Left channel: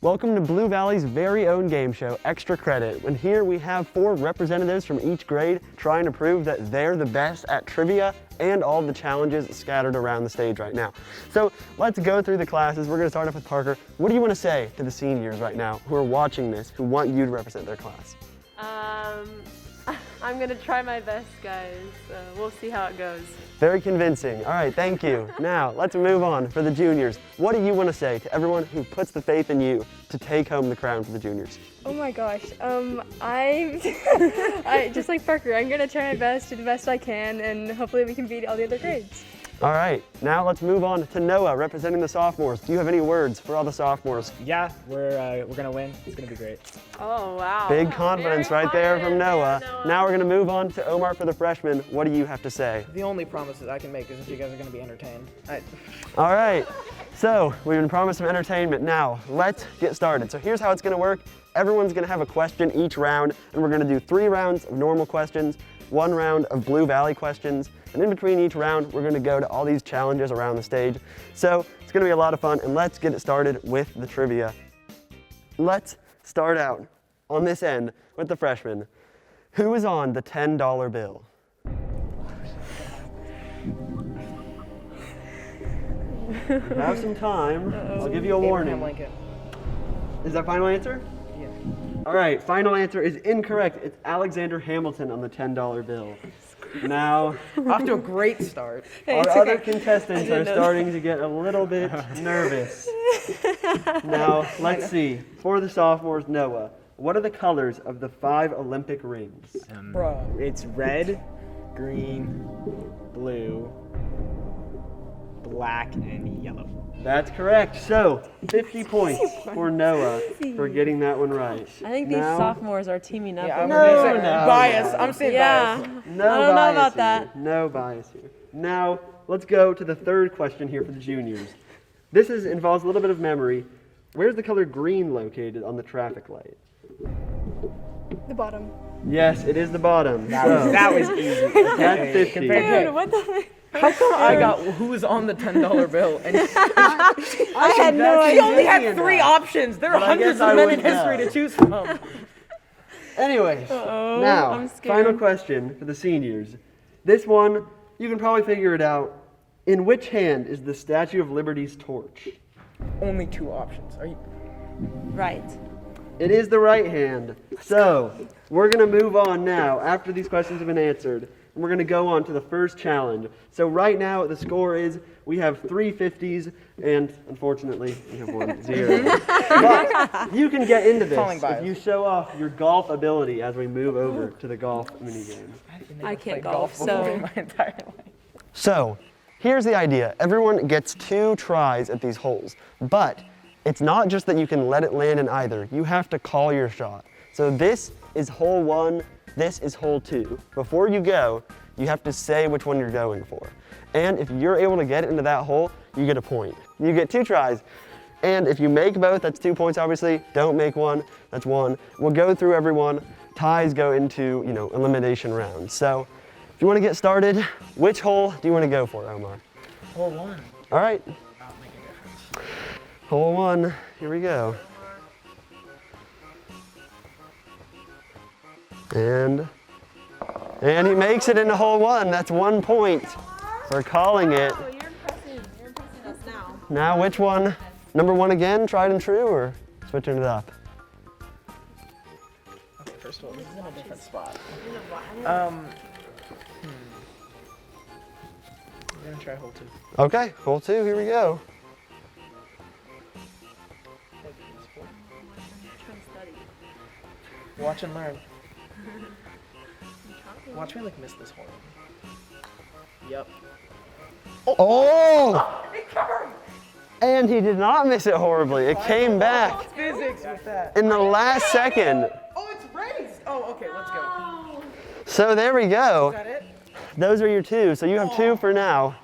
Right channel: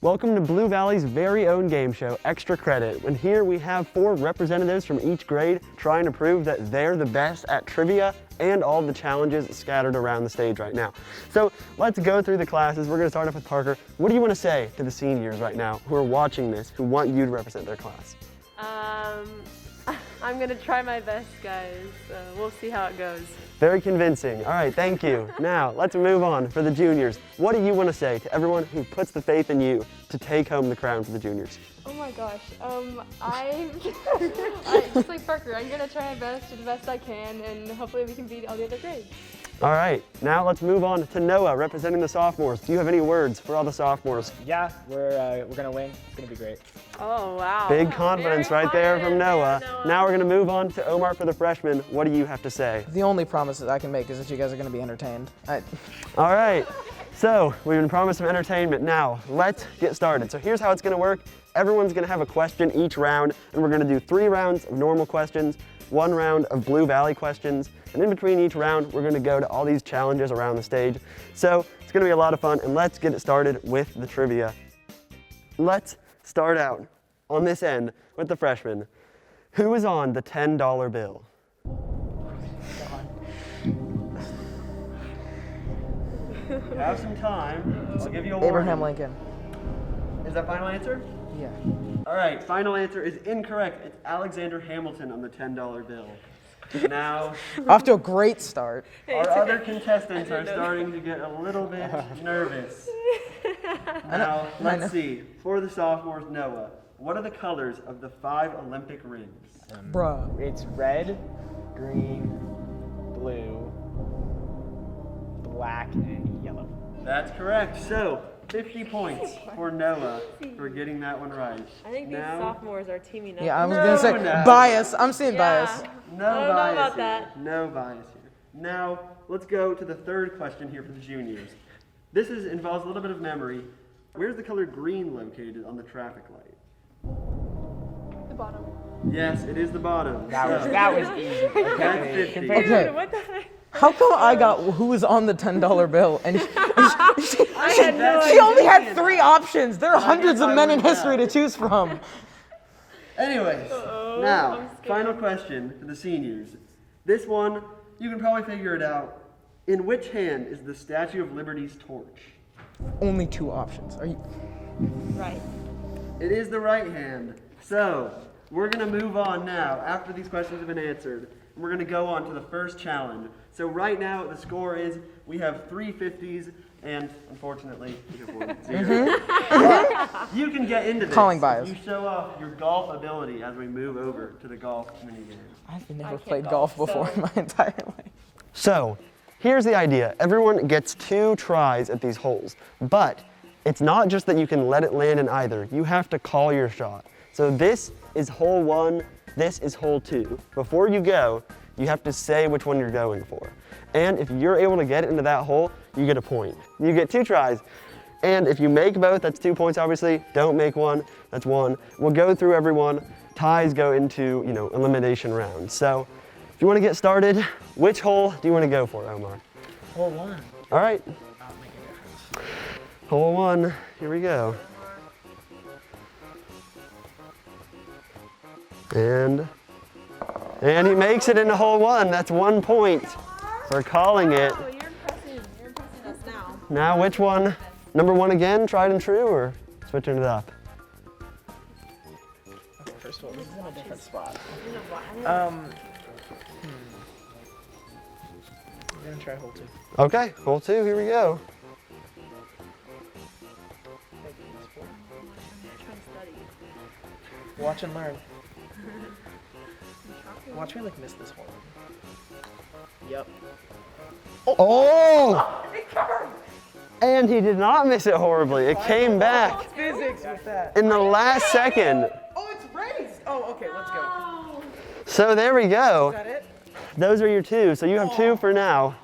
Welcome to Blue Valley's very own game show, Extra Credit. And here we have 4 representatives from each grade trying to prove that they're the best at trivia and all the challenges scattered around the stage right now. So let's go through the classes. We're gonna start off with Parker. What do you want to say to the seniors right now who are watching this, who want you to represent their class? I'm gonna try my best, guys. We'll see how it goes. Very convincing. All right, thank you. Now, let's move on for the juniors. What do you want to say to everyone who puts the faith in you to take home the crown for the juniors? Oh my gosh, I just like Parker, I'm gonna try my best, do the best I can, and hopefully we can beat all the other grades. All right, now let's move on to Noah, representing the sophomores. Do you have any words for all the sophomores? Yeah, we're gonna win. It's gonna be great. Oh, wow. Big confidence right there from Noah. Now we're gonna move on to Omar for the freshmen. What do you have to say? The only promise that I can make is that you guys are gonna be entertained. All right, so we've been promised some entertainment. Now, let's get started. So here's how it's gonna work. Everyone's gonna have a question each round, and we're gonna do 3 rounds of normal questions, 1 round of Blue Valley questions, and in between each round, we're gonna go to all these challenges around the stage. So it's gonna be a lot of fun, and let's get it started with the trivia. Let's start out on this end with the freshmen. Who is on the $10 bill? Have some time. I'll give you a warning. Abraham Lincoln. Is that final answer? Yeah. All right, final answer is incorrect. It's Alexander Hamilton on the $10 bill. Now, Off to a great start. our other contestants are starting to get a little bit nervous. Now, let's see. For the sophomores, Noah, what are the colors of the 5 Olympic rings? Bruh. It's red, green, blue, black, and yellow. That's correct. So, 50 points for Noah for getting that one right. I think these sophomores are teaming up. Yeah, I'm No, gonna say no. bias. I'm seeing Yeah. bias. No I don't know bias about here. that. No bias here. Now, let's go to the third question here for the juniors. This involves a little bit of memory. Where's the color green located on the traffic light? The bottom. Yes, it is the bottom. That was easy. That's 50. Compared Okay. Dude, what the heck? How come I got who's on the $10 bill? And I had no she idea. only had 3 options. There are But I hundreds guess I of men in wouldn't history know. to choose from. Anyway, now, I'm scared. final question for the seniors. This one, you can probably figure it out. In which hand is the Statue of Liberty's torch? Only 2 options. Are you? Right. It is the right hand. So, we're going to move on now, after these questions have been answered, and we're going to go on to the first challenge. So right now, the score is, we have 3 50s, and unfortunately, we have 1 0. But you can get into this Calling bias. if you show off your golf ability as we move over to the golf minigame. I've never I can't played golf, golf before so- in my entire life. So, here's the idea. Everyone gets 2 tries at these holes, but it's not just that you can let it land in either. You have to call your shot. So this is hole 1, this is hole 2. Before you go, you have to say which one you're going for. And if you're able to get it into that hole, you get a point. You get 2 tries. And if you make both, that's 2 points obviously. Don't make one, that's 1. We'll go through everyone. Ties go into, elimination rounds. So if you want to get started, which hole do you want to go for, Omar? Hole 1. All right, That'll make a difference. hole 1, here we go. And he makes it into hole 1. That's 1 point for calling it. Oh, you're impressing us now. Now which one? Number 1 again, tried and true, or switching it up? Okay, first of all, this is in a different spot. I'm gonna try hole 2. Okay, hole 2, here we go. Watch and learn. Watch me miss this hole. Yep. Oh! And he did not miss it horribly. It came back Physics with that. in the last second. Oh, it's raised. Oh, okay, let's go. So there we go. Is that it? Those are your 2. So you have 2 for now.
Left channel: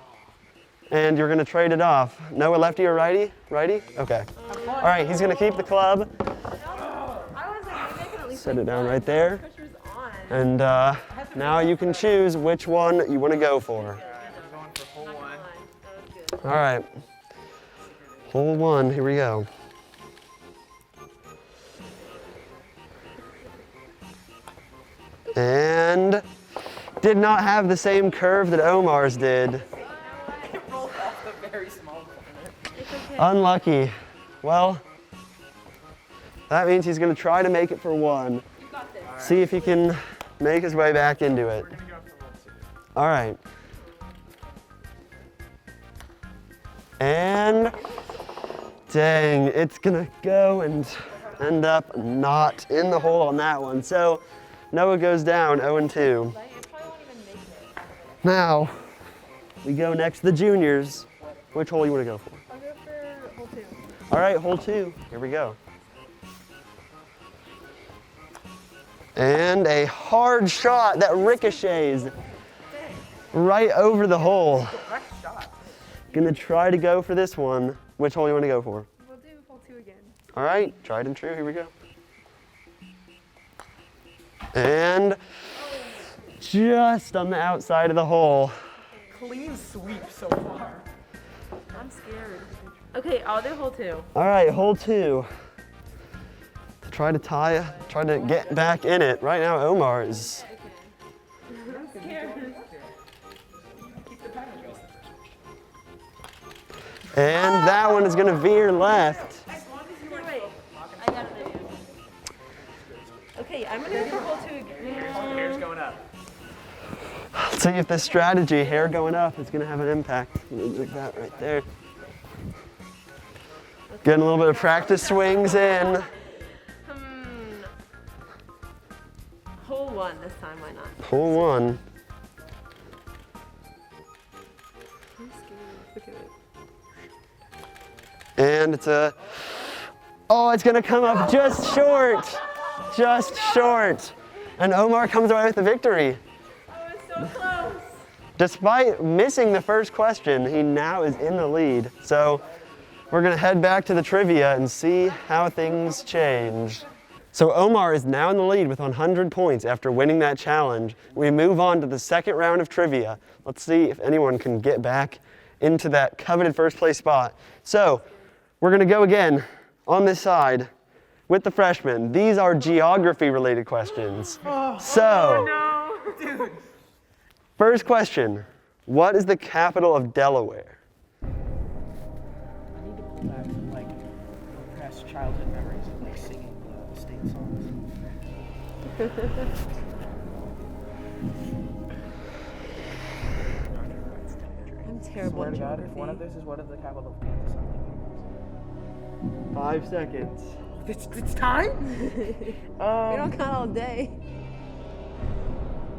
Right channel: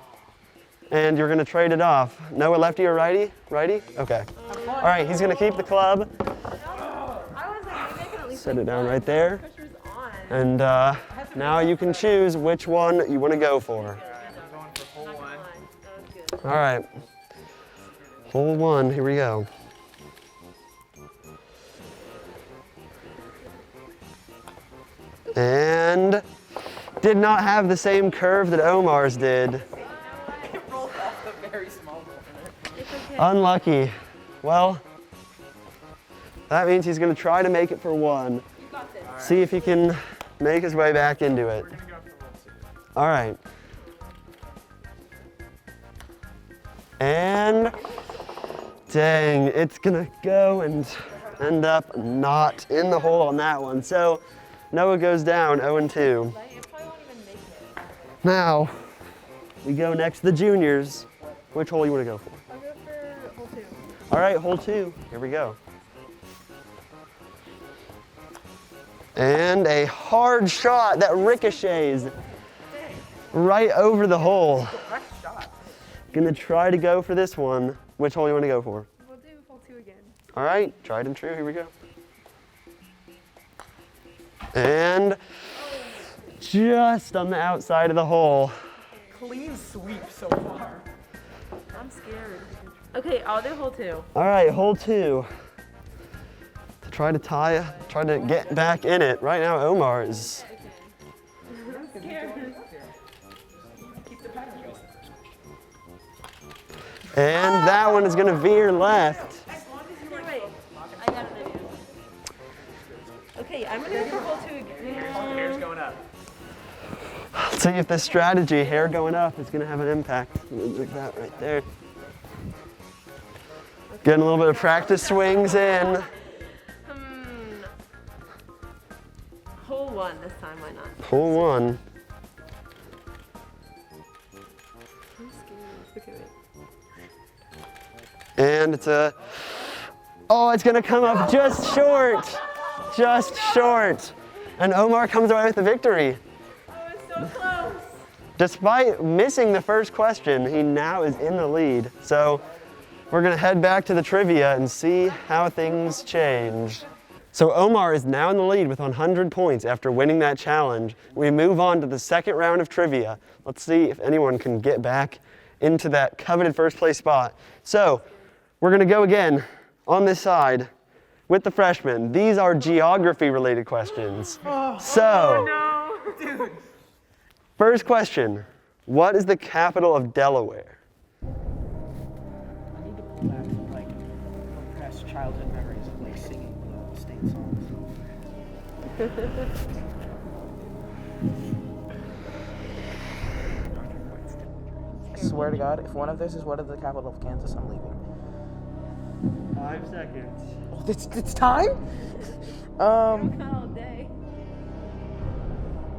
And you're gonna trade it off. Noah, lefty or righty? Righty? Okay. All right, he's gonna keep the club. I was like, maybe I can at least Set it down right there. pressure's on. And now you can choose which one you wanna go for. I'm going for hole 1. That was good. All right. Hole 1, here we go. And did not have the same curve that Omar's did. It rolled off the very small corner. It's okay. Unlucky. Well, that means he's gonna try to make it for one. You got this. See if he can make his way back into it. We're gonna go for hole 2. All right. And dang, it's gonna go and end up not in the hole on that one. So Noah goes down 0-2. It probably won't even make it. Now we go next to the juniors. Which hole you wanna go for? I'll go for hole 2. All right, hole 2, here we go. And a hard shot that ricochets right over the hole. Nice shot. Gonna try to go for this one. Which hole you wanna go for? We'll do hole 2 again. All right, tried and true, here we go. And just on the outside of the hole. Clean sweep so far. I'm scared. Okay, I'll do hole 2. All right, hole 2. To try to try to get back in it. Right now, Omar is. I'm scared. Keep the pattern going. And that one is gonna veer left. Wait, I got an idea. Okay, I'm gonna go for hole 2 again. Hair's going up. Let's see if this strategy, hair going up, is gonna have an impact. Like that right there. Getting a little bit of practice swings in. Hole 1 this time, why not? Hole 1. I'm scared. Look at it. And it's a, oh, it's gonna come up just short. Just short. And Omar comes away with the victory. Oh, it's so close. Despite missing the first question, he now is in the lead. So we're gonna head back to the trivia and see how things change. So Omar is now in the lead with 100 points after winning that challenge. We move on to the second round of trivia. Let's see if anyone can get back into that coveted first place spot. So we're gonna go again on this side with the freshmen. These are geography related questions. So, Dude. first question, what is the capital of Delaware? I need to pull back like repressed childhood memories of like singing the state songs. Swear to God, if one of this is what is the capital of Kansas, I'm leaving. 5 seconds. Oh, it's time? We don't count all day.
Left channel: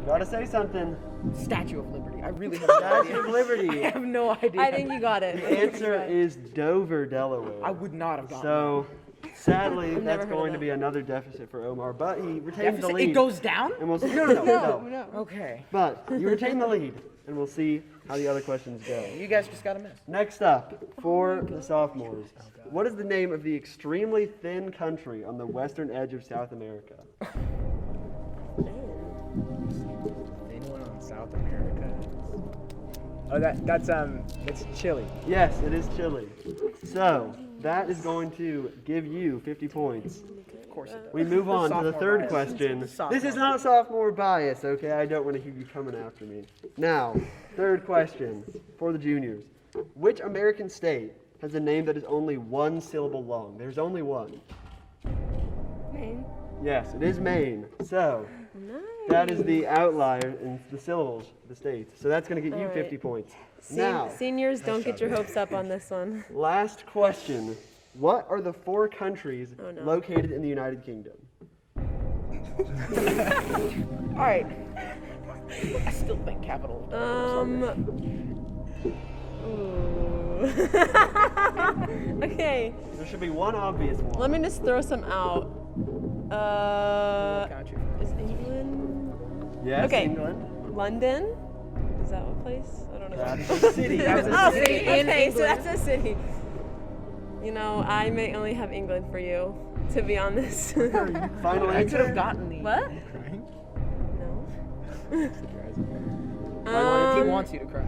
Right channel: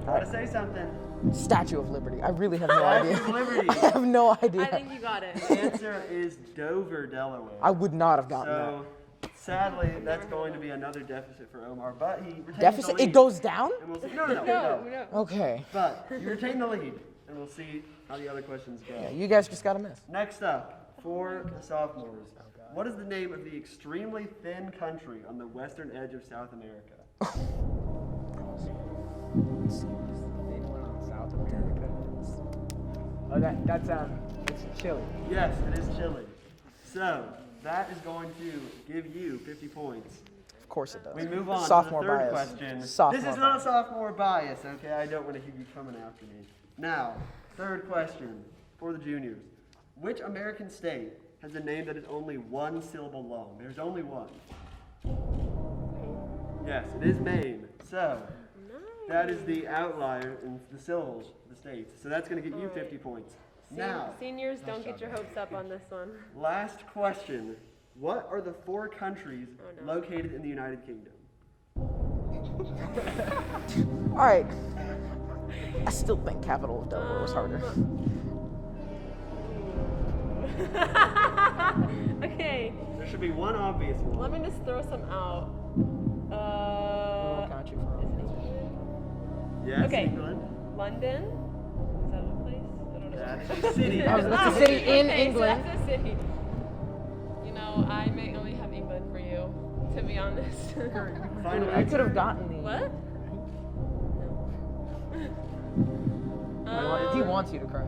Gotta say something. Statue of Liberty. I really have no idea. Liberty. I have no idea. I think you got it. The answer is Dover, Delaware. I would not have gotten So, sadly, never that's heard of going to that. be another deficit for Omar, but he retains that. the Deficit? lead. It goes down? And we'll see. No. Okay. But you retain the lead, and we'll see how the other questions go. You guys just gotta miss. Next up, for the sophomores, what is the name of the extremely thin country on the western edge of South America? South America. Oh, it's Chile. Yes, it is Chile. So, that is going to give you 50 points. Of course it does. We move on to the Sophomore third bias. question. Sophomore This is not sophomore bias, okay? I don't want to hear you coming after me. Now, third question for the juniors. Which American state has a name that is only one syllable long? There's only one. Maine. Yes, it is Maine. So, that is the outlier in the syllables of the states. So that's going to get you 50 points. Now, Seniors, don't get your hopes up on this one. last question. What are the 4 countries Oh, no. located in the United Kingdom? All right. I still think capital of Delaware was harder. Okay, There should be one obvious one. let me just throw some out. Is England? Yes, Okay. England. London? Is that a place? I don't know. That's a city. Oh, okay, so that's a city. You know, I may only have England for you, to be honest. Final I could have answer? gotten the. What? He wants you to cry.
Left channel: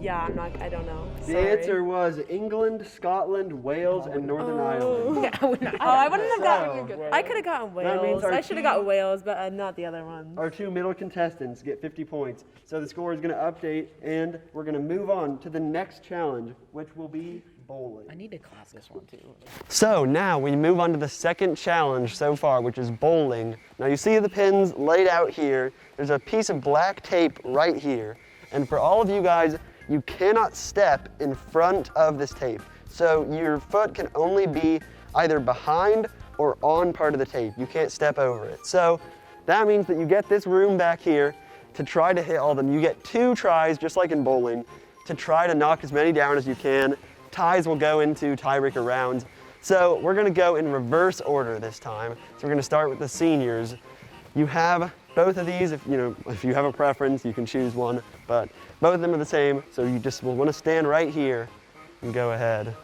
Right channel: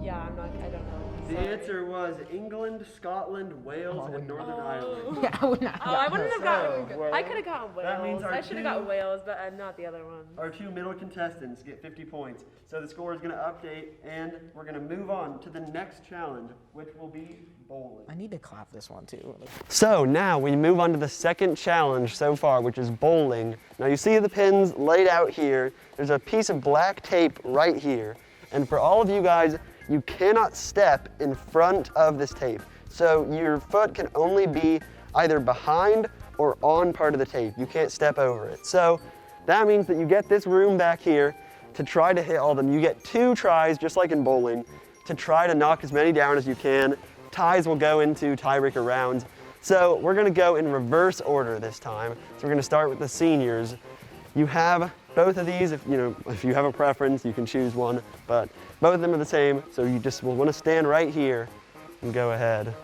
Yeah, I don't know. The Sorry. answer was England, Scotland, Wales, and Northern Ireland. Oh, I wouldn't have gotten. So, I could have gotten that means Wales. our I should have got Wales, but not the other one. Our two middle contestants get 50 points. So the score is going to update, and we're going to move on to the next challenge, which will be bowling. I need to clap this one too. So now we move on to the second challenge so far, which is bowling. Now you see the pins laid out here. There's a piece of black tape right here. And for all of you guys, you cannot step in front of this tape. So your foot can only be either behind or on part of the tape. You can't step over it. So that means that you get this room back here to try to hit all of them. You get 2 tries, just like in bowling, to try to knock as many down as you can. Ties will go into tiebreaker rounds. So we're gonna go in reverse order this time. So we're gonna start with the seniors. You have both of these. If you have a preference, you can choose one, but both of them are the same. So you just will wanna stand right here and go ahead.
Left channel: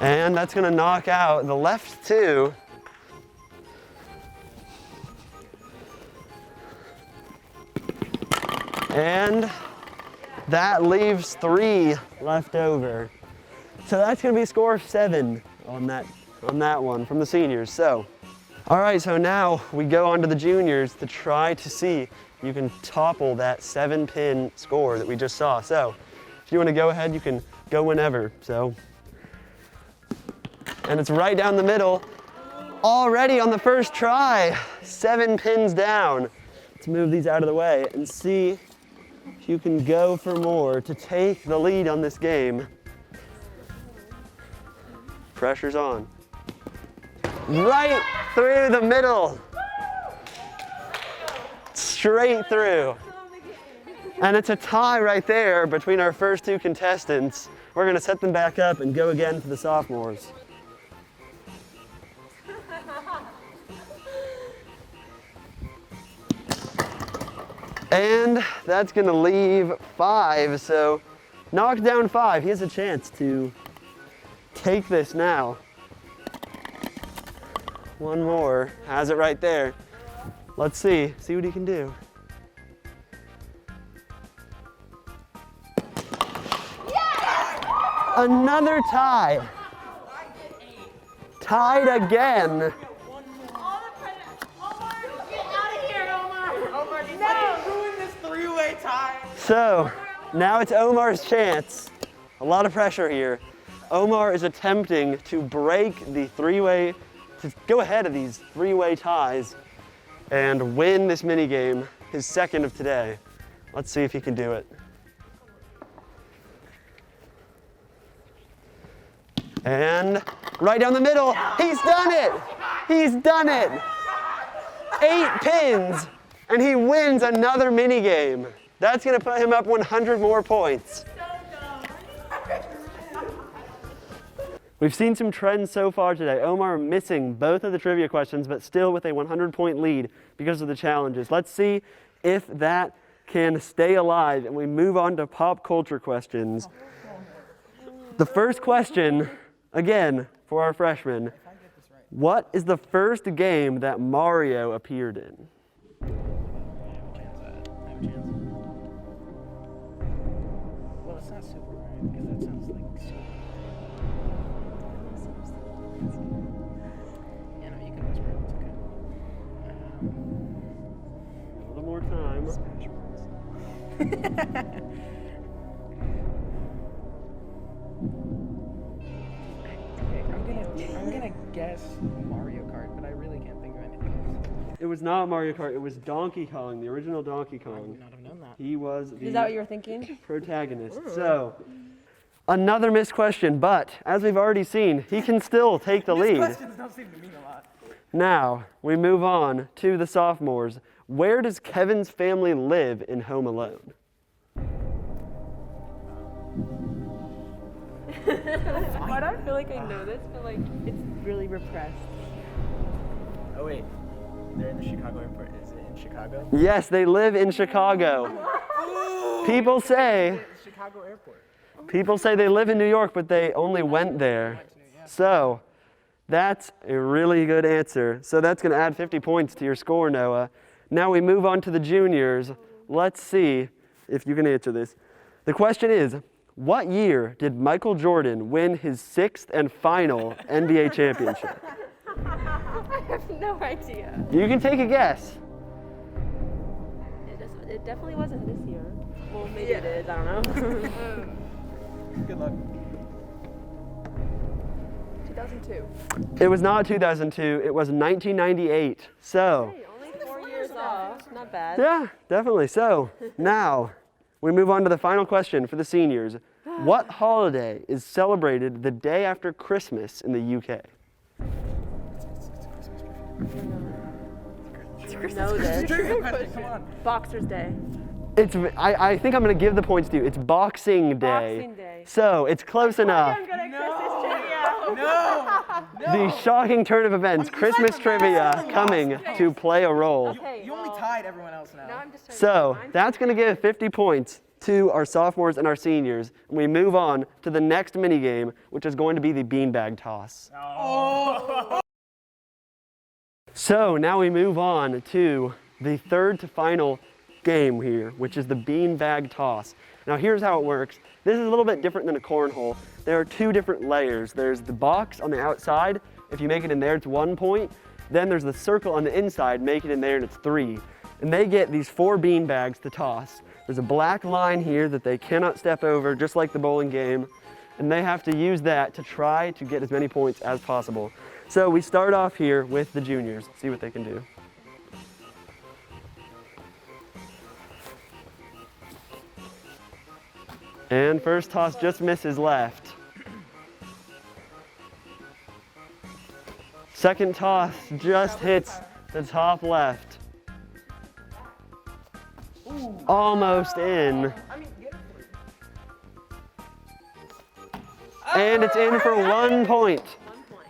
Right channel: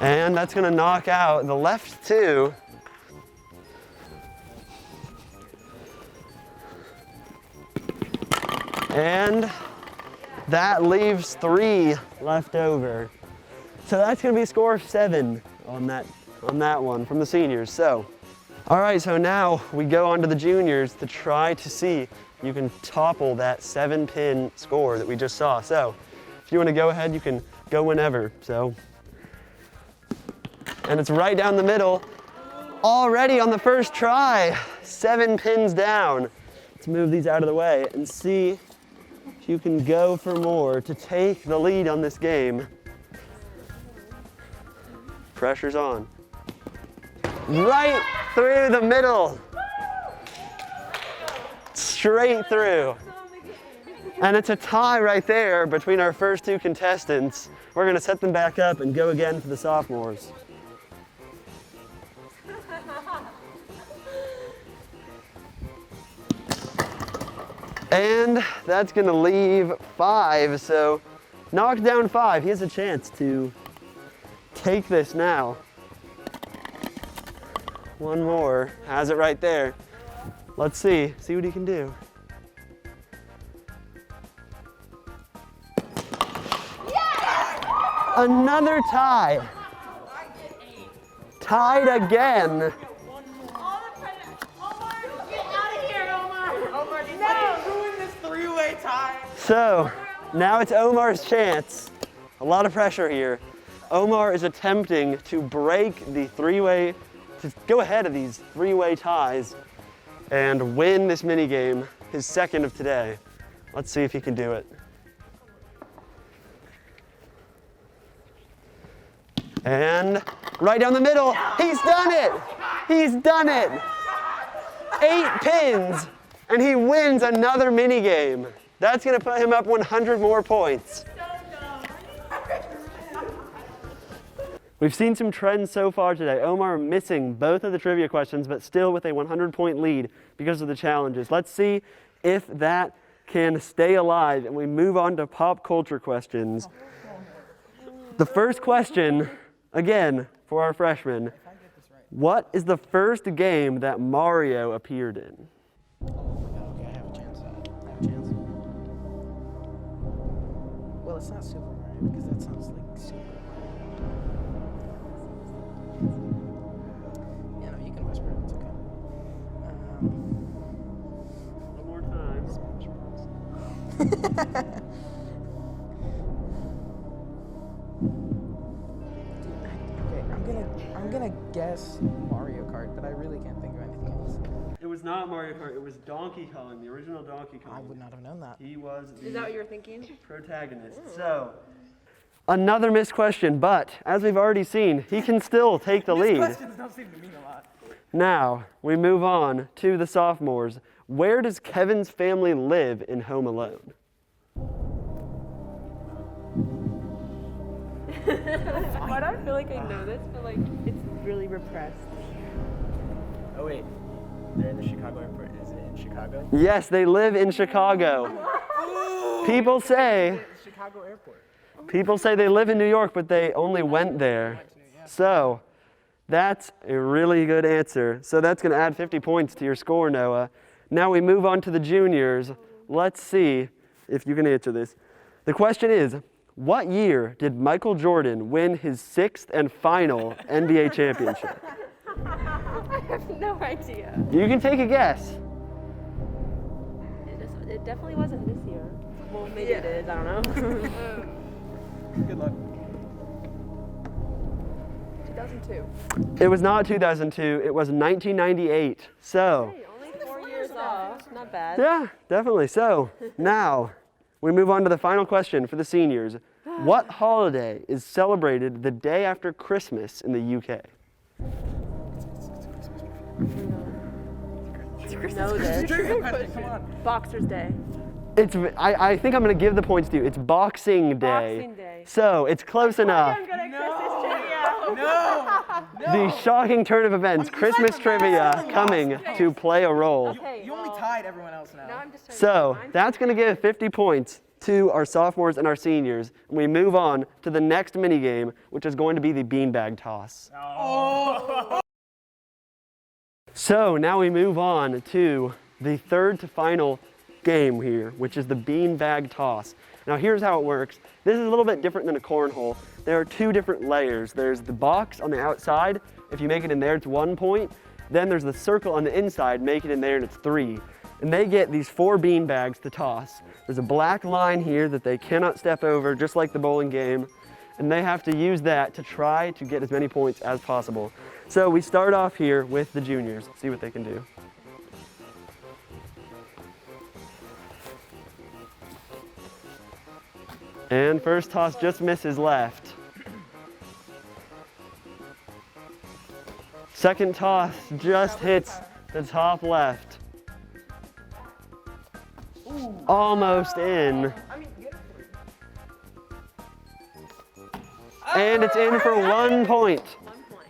And that's gonna knock out the left 2. And that leaves 3 left over. So that's gonna be a score of 7 on that one from the seniors. So, all right, so now we go on to the juniors to try to see if you can topple that 7-pin score that we just saw. So if you wanna go ahead, you can go whenever. So, and it's right down the middle. Already on the first try, 7 pins down. Let's move these out of the way and see if you can go for more to take the lead on this game. Pressure's on. Right through the middle. Straight through. And it's a tie right there between our first 2 contestants. We're gonna set them back up and go again for the sophomores. And that's gonna leave 5, so knock down 5. He has a chance to take this now. One more, has it right there. Let's see what he can do. Yes! Another tie. Tied again. So now it's Omar's chance. A lot of pressure here. Omar is attempting to break the 3-way, to go ahead of these 3-way ties and win this mini game, his second of today. Let's see if he can do it. And right down the middle, he's done it! He's done it! 8 pins, and he wins another mini game. That's gonna put him up 100 more points. We've seen some trends so far today. Omar missing both of the trivia questions, but still with a 100-point lead because of the challenges. Let's see if that can stay alive, and we move on to pop culture questions. The first question, again, for our freshmen. What is the first game that Mario appeared in? Well, it's not Super Mario because that sounds like Super. Yeah, no, you can whisper. It's okay. A little more time. I'm gonna guess Mario Kart, but I really can't think of anything else. It was not Mario Kart, it was Donkey Kong, the original Donkey I Kong. would not have known that. He was Is that what you were thinking? protagonist. So, another missed question, but as we've already seen, he can still take the lead. Questions don't seem to mean a lot. Now, we move on to the sophomores. Where does Kevin's family live in Home Alone? Why do I feel like I know this, but like it's really repressed? Oh wait, they're in the Chicago airport. Is it in Chicago? Yes, they live in Chicago. People say Chicago airport. they live in New York, but they only went there. So, That's a really good answer. So that's going to add 50 points to your score, Noah. Now we move on to the juniors. Let's see if you can answer this. The question is, what year did Michael Jordan win his 6th and final NBA championship? I have no idea. You can take a guess. It definitely wasn't this year. Well, maybe it is. I don't know. Good luck. 2002. It was not 2002, it was 1998. So, Hey, only 4 years off. Not bad. yeah, definitely. So, now we move on to the final question for the seniors. What holiday is celebrated the day after Christmas in the UK? Know this. Come on. Boxer's Day. I think I'm going to give the points to you. It's Boxing Day. Boxing Day. So, it's close enough. I'm good at Christmas trivia. No. The shocking turn of events, Christmas trivia coming to play a role. Okay, You only tied everyone else now. Now I'm just trying So that's going to give 50 points to our sophomores and our seniors. And we move on to the next mini game, which is going to be the beanbag toss. So now we move on to the third to final game here, which is the beanbag toss. Now here's how it works. This is a little bit different than a cornhole. There are 2 different layers. There's the box on the outside. If you make it in there, it's 1 point. Then there's the circle on the inside. Make it in there and it's 3. And they get these 4 bean bags to toss. There's a black line here that they cannot step over, just like the bowling game. And they have to use that to try to get as many points as possible. So we start off here with the juniors. See what they can do. And first toss just misses left. Second toss just hits the top left. Almost in. And it's in for 1 point.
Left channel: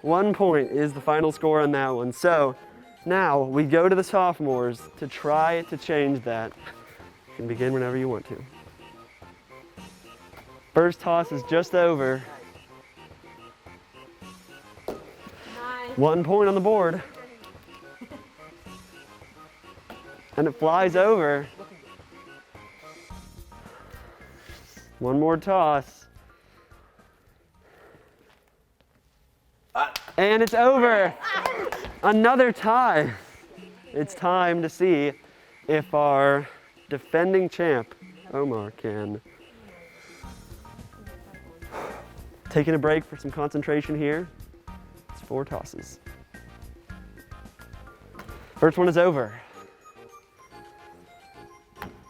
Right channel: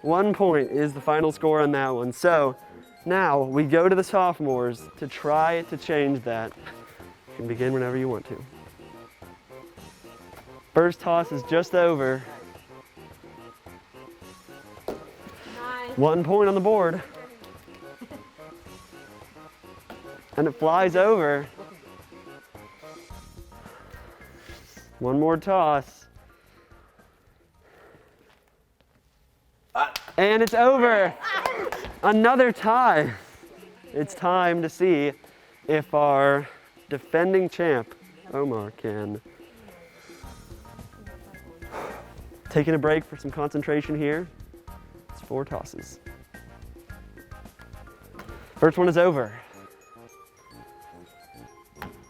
1 point is the final score on that one. So now we go to the sophomores to try to change that. You can begin whenever you want to. First toss is just over. Nice. 1 point on the board. And it flies over. One more toss. And it's over. Another tie. It's time to see if our defending champ, Omar, can. Taking a break for some concentration here. It's 4 tosses. First one is over.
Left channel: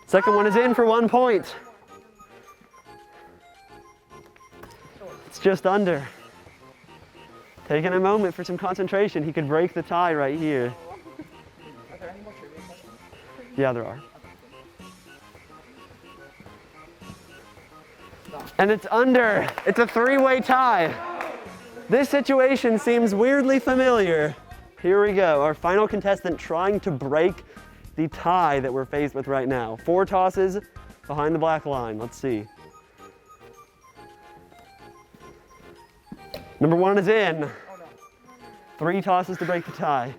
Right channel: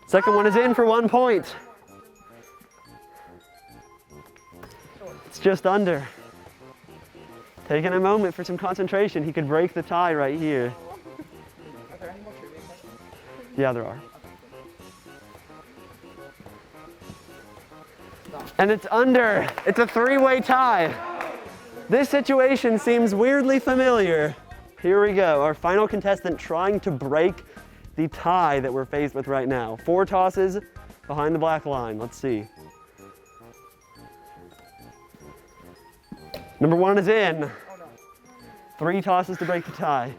Second one is in for 1 point. It's just under. Taking a moment for some concentration. He could break the tie right here. Are there any more trivia questions? Yeah, there are. And it's under. It's a 3-way tie. This situation seems weirdly familiar. Here we go. Our final contestant trying to break the tie that we're faced with right now. 4 tosses behind the black line. Let's see. Number 1 is in. 3 tosses to break the tie.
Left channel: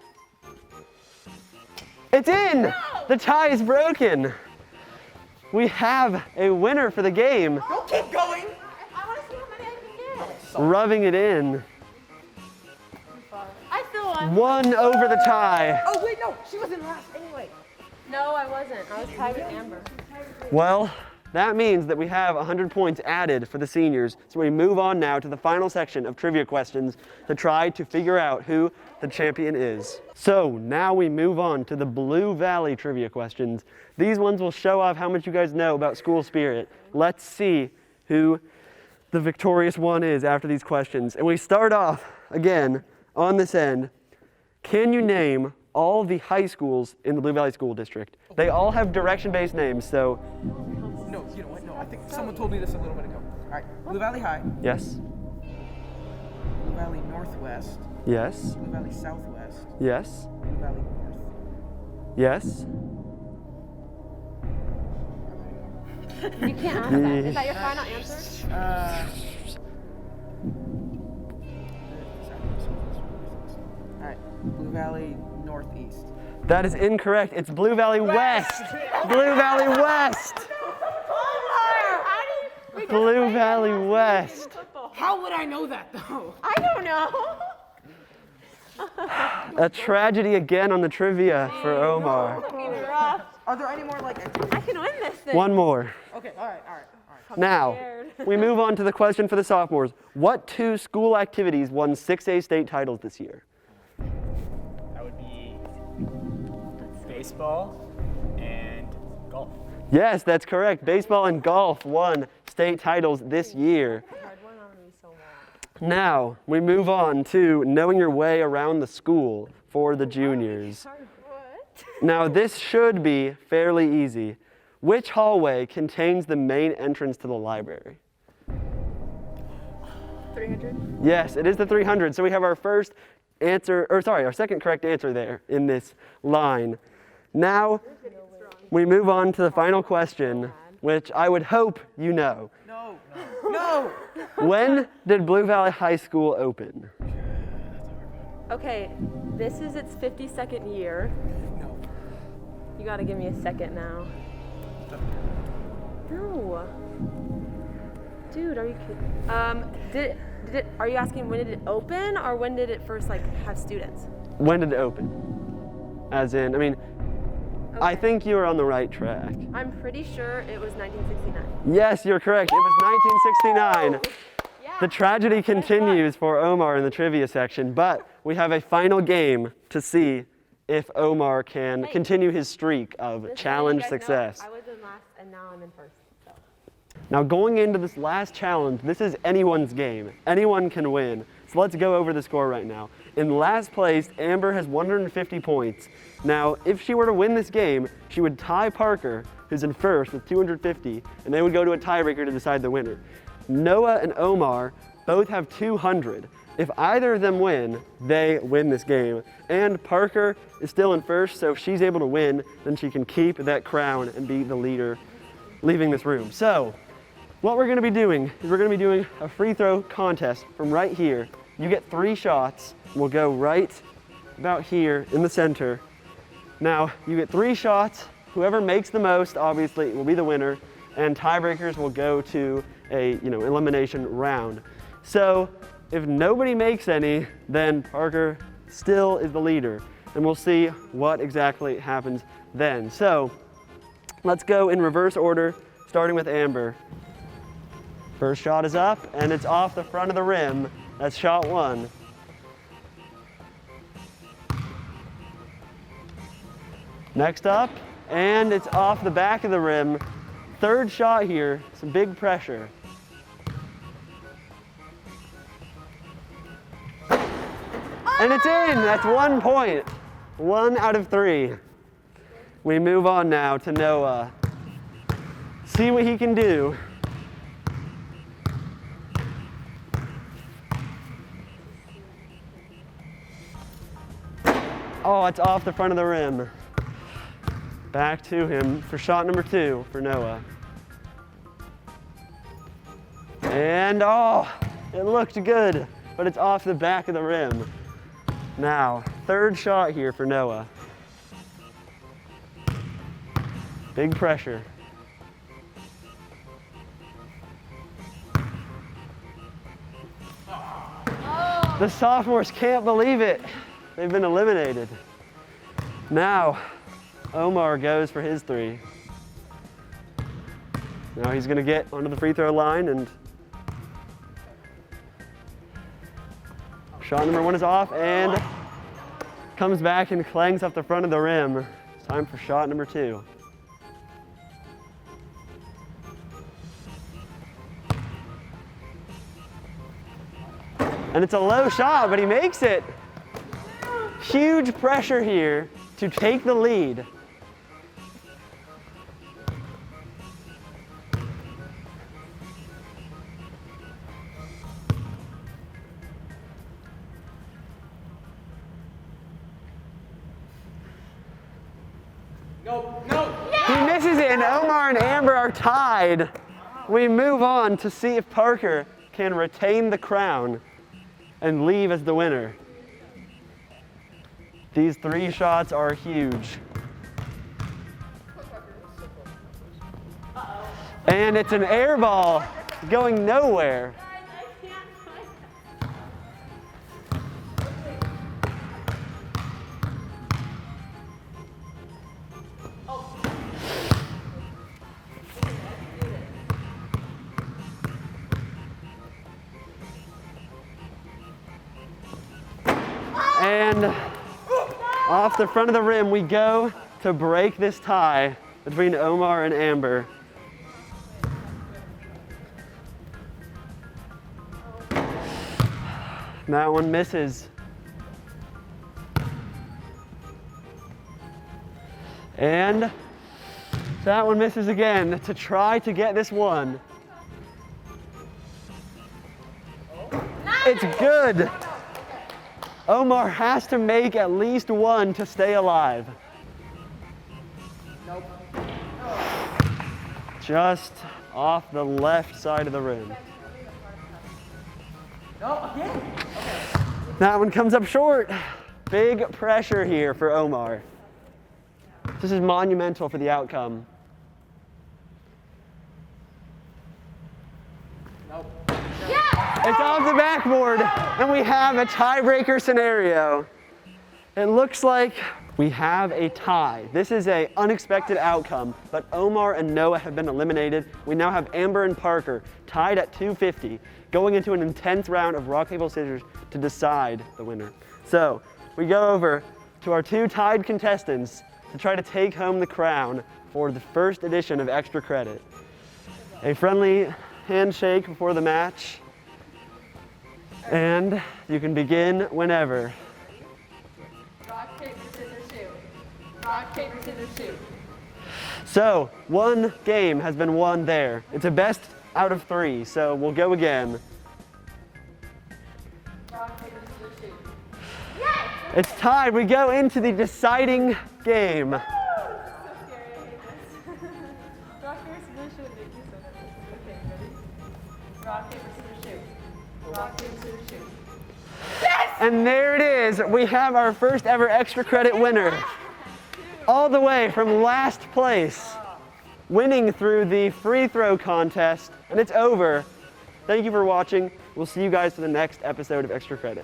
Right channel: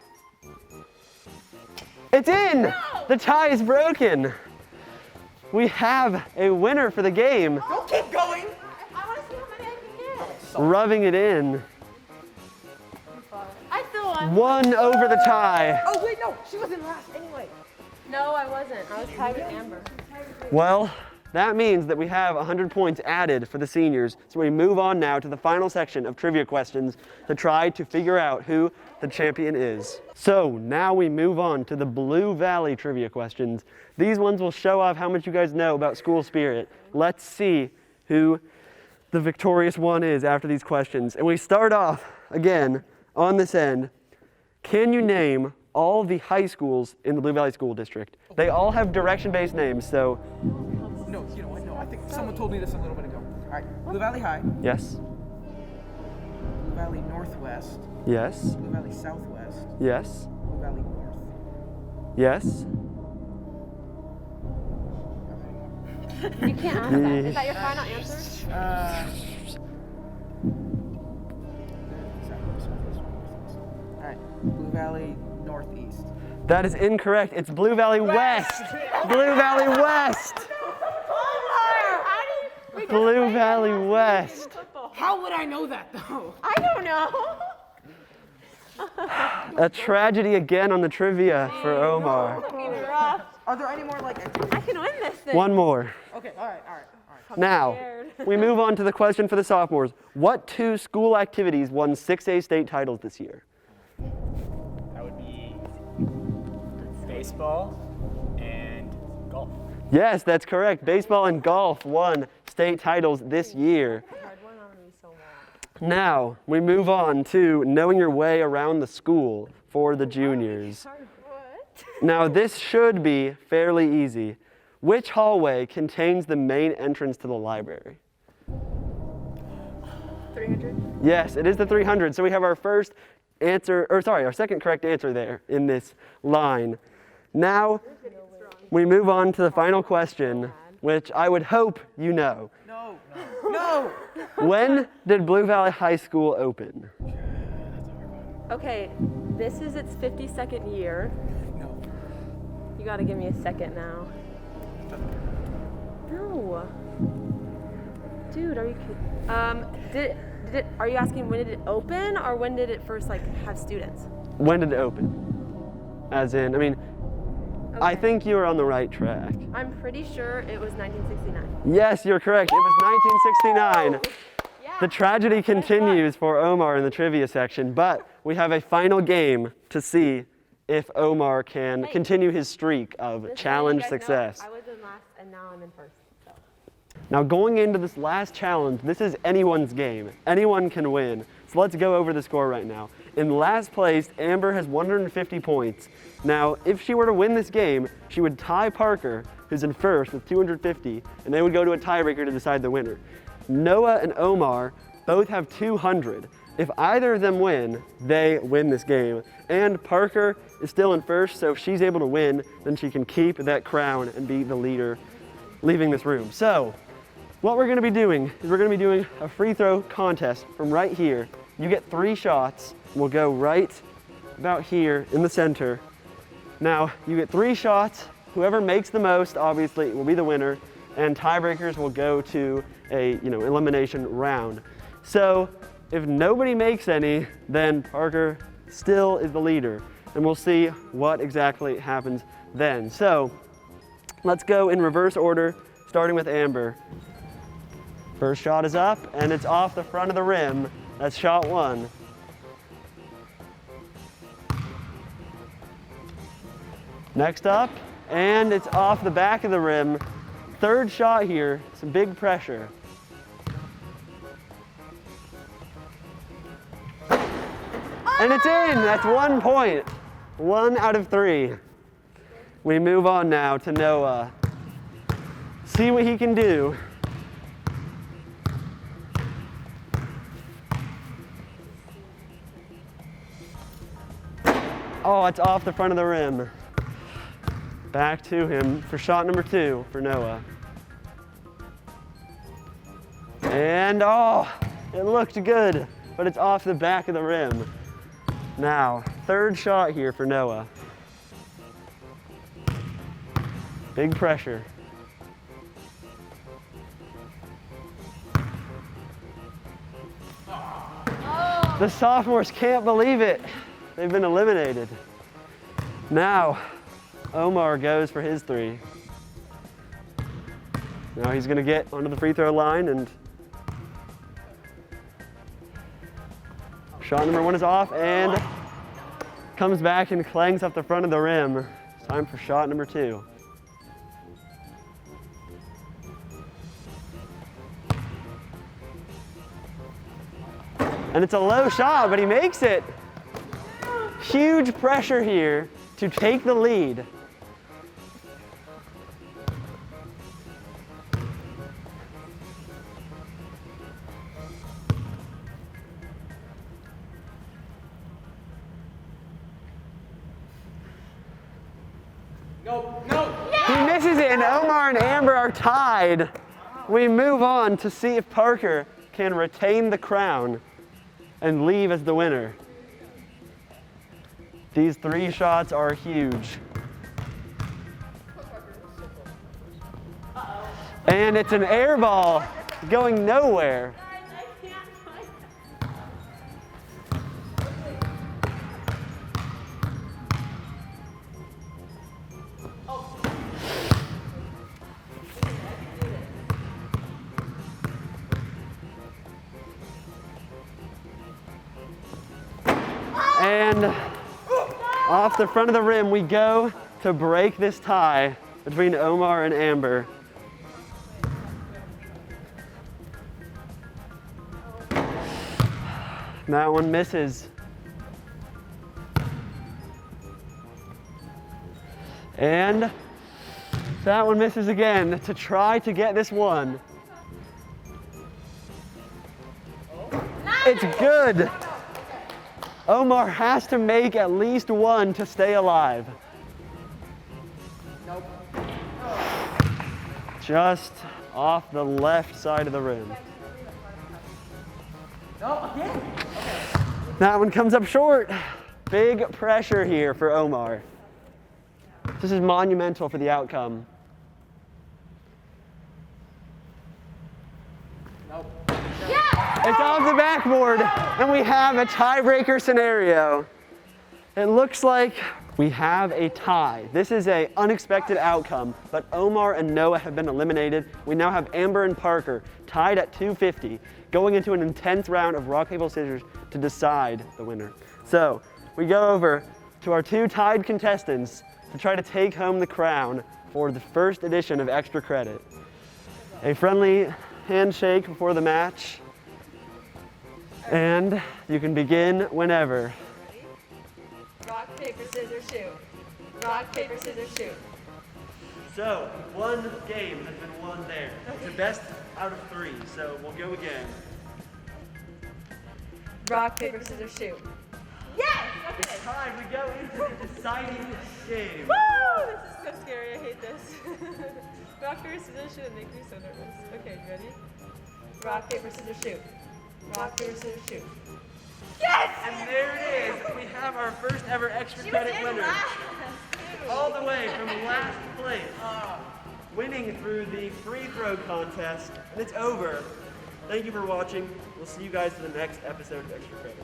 It's in! No! The tie is broken. We have a winner for the game. Don't keep going! I want to see how many I can get. Rubbing it in. I still won. 1 over the tie. Oh wait, no, she was in last anyway. No, I wasn't. I was tied with Amber. Well, that means that we have 100 points added for the seniors. So we move on now to the final section of trivia questions to try to figure out who the champion is. So now we move on to the Blue Valley trivia questions. These ones will show off how much you guys know about school spirit. Let's see who the victorious one is after these questions. And we start off, again, on this end. Can you name all the high schools in the Blue Valley School District? They all have direction-based names, so No, you know what? No, I think someone told me this a little bit ago. All right, Blue Valley High, yes, Blue Valley Northwest, yes, Blue Valley Southwest, yes, Blue Valley North. yes. You can't ask that. Is that your final answer? right. Blue Valley Northeast. That is incorrect. It's Blue Valley West. Blue Valley West. Blue Valley West. How would I know that though? I don't know. A tragedy again on the trivia for Omar. Are there any more like entries? I can win this thing. One more. Okay, all right. Now, we move on to the question for the sophomores. What 2 school activities won 6A state titles this year? That would be baseball and golf. Yes, that's correct. Baseball and golf won state titles this year. Now, we move on to knowing your way around the school for the juniors. Now, this should be fairly easy. Which hallway contains the main entrance to the library? 300. Yes, it is the 300. So we have our first answer, or sorry, our second correct answer there in this line. Now, we move on to the final question, which I would hope you know. No! When did Blue Valley High School open? Okay, this is its 52nd year. No. You gotta give me a second now. No. Dude, are you kidding? Are you asking when did it open or when did it first have students? When did it open? As in, I mean, I think you are on the right track. I'm pretty sure it was 1969. Yes, you're correct. It was 1969. Yeah. The tragedy continues for Omar in the trivia section, but we have a final game to see if Omar can continue his streak of Just so challenge you guys know, success. I was in last and now I'm in first. So. Now going into this last challenge, this is anyone's game. Anyone can win. So let's go over the score right now. In last place, Amber has 150 points. Now, if she were to win this game, she would tie Parker, who's in first with 250, and they would go to a tiebreaker to decide the winner. Noah and Omar both have 200. If either of them win, they win this game. And Parker is still in first, so if she's able to win, then she can keep that crown and be the leader leaving this room. So, what we're gonna be doing is we're gonna be doing a free throw contest from right here. You get 3 shots. We'll go right about here in the center. Now, you get 3 shots. Whoever makes the most, obviously, will be the winner, and tiebreakers will go to a elimination round. So, if nobody makes any, then Parker still is the leader, and we'll see what exactly happens then. So, let's go in reverse order, starting with Amber. First shot is up, and it's off the front of the rim. That's shot 1. Next up, and it's off the back of the rim. Third shot here, some big pressure. And it's in, that's 1 point. 1 out of 3. We move on now to Noah. See what he can do. Oh, it's off the front of the rim. Back to him for shot number 2 for Noah. And oh, it looked good, but it's off the back of the rim. Now, third shot here for Noah. Big pressure. The sophomores can't believe it. They've been eliminated. Now, Omar goes for his 3. Now he's gonna get onto the free throw line, and shot number 1 is off and comes back and clangs off the front of the rim. It's time for shot number 2. And it's a low shot, but he makes it. Huge pressure here to take the lead. No. He misses it, and Omar and Amber are tied. We move on to see if Parker can retain the crown and leave as the winner. These 3 shots are huge. And it's an air ball going nowhere. And off the front of the rim we go to break this tie between Omar and Amber. That one misses. And that one misses again to try to get this one. It's good. Omar has to make at least one to stay alive. Nope. Just off the left side of the rim. No, again. That one comes up short. Big pressure here for Omar. This is monumental for the outcome. Nope. It's off the backboard, and we have a tiebreaker scenario. It looks like we have a tie. This is an unexpected outcome, but Omar and Noah have been eliminated. We now have Amber and Parker tied at 250, going into an intense round of rock, paper, scissors to decide the winner. So we go over to our 2 tied contestants to try to take home the crown for the first edition of Extra Credit. A friendly handshake before the match, and you can begin whenever. Rock, paper, scissors, shoot. Rock, paper, scissors, shoot. So, 1 game has been won there. It's a best out of 3, so we'll go again. Rock, paper, scissors, shoot. It's tied. We go into the deciding game. This is so scary. I hate this. Rock, paper, scissors, shoot. It makes me so nervous. Okay, ready? Rock, paper, scissors, shoot. Rock, paper, scissors, shoot. And there it is. We have our first ever Extra Credit winner. All the way from last place, winning through the free throw contest, and it's over. Thank you for watching. We'll see you guys for the next episode of Extra Credit.